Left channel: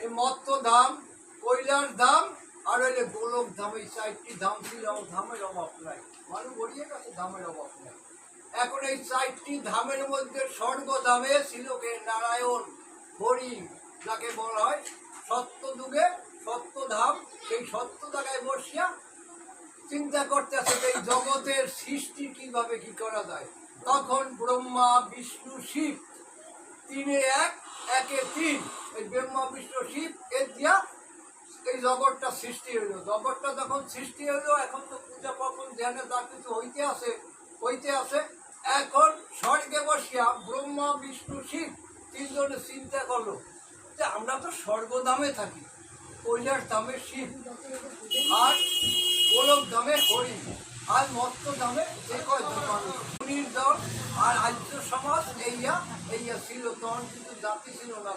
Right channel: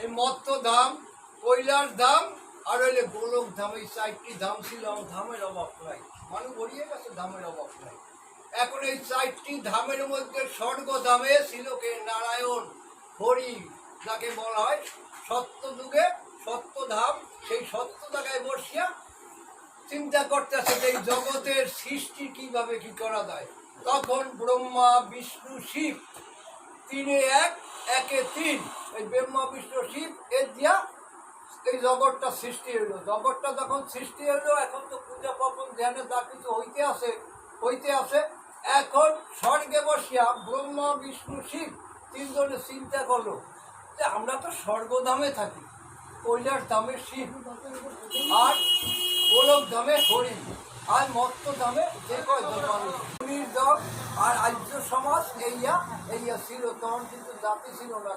এই মত্ত ধাম, কৈলাস ধাম আর হইলে গোলক ধাম, এই 4টি ধাম ছিল। আমার ধামের অভাব নাই, মানুষ গড়িয়ে গেছে, ধামের অভাব নাই। এখন এই 4টি ধামের মধ্যে স্বর্গ ধামে ছিল কে? নারায়ণ, হরি, যাকে বলা হয় সত্য যুগে সত্য ধাম। সেই সত্য জায়গায় বসিয়া চিন্তা করতেছে এই জগতের সৃষ্টি কিভাবে কি করা যায়। তখন ব্রহ্মা বিষ্ণু শিব তিনে এক, একে তিন, এই ব্রহ্মা বিষ্ণু শিব এর দিয়া এই জগৎটা সৃষ্টি হইল। জগৎটা যখন সৃষ্টি হইল, এখন তো পূজা পার্বণ ধ্যানে যা কিছু হইতে আছে। এখন স্বর্গে বসিয়া ব্রহ্মা বিষ্ণু শিব তিনজনে চিন্তা করলো যে আমরা তো স্বর্গধামে থাকি, কৈলাস ধামে শিব আর গোলক ধামে হরি আর মত্ত ধামে যে কয়জন মানুষ, মুনির দল আর আর্য সমাজ এইয়া ছিল। তখন কিন্তু জাতি ছিল না।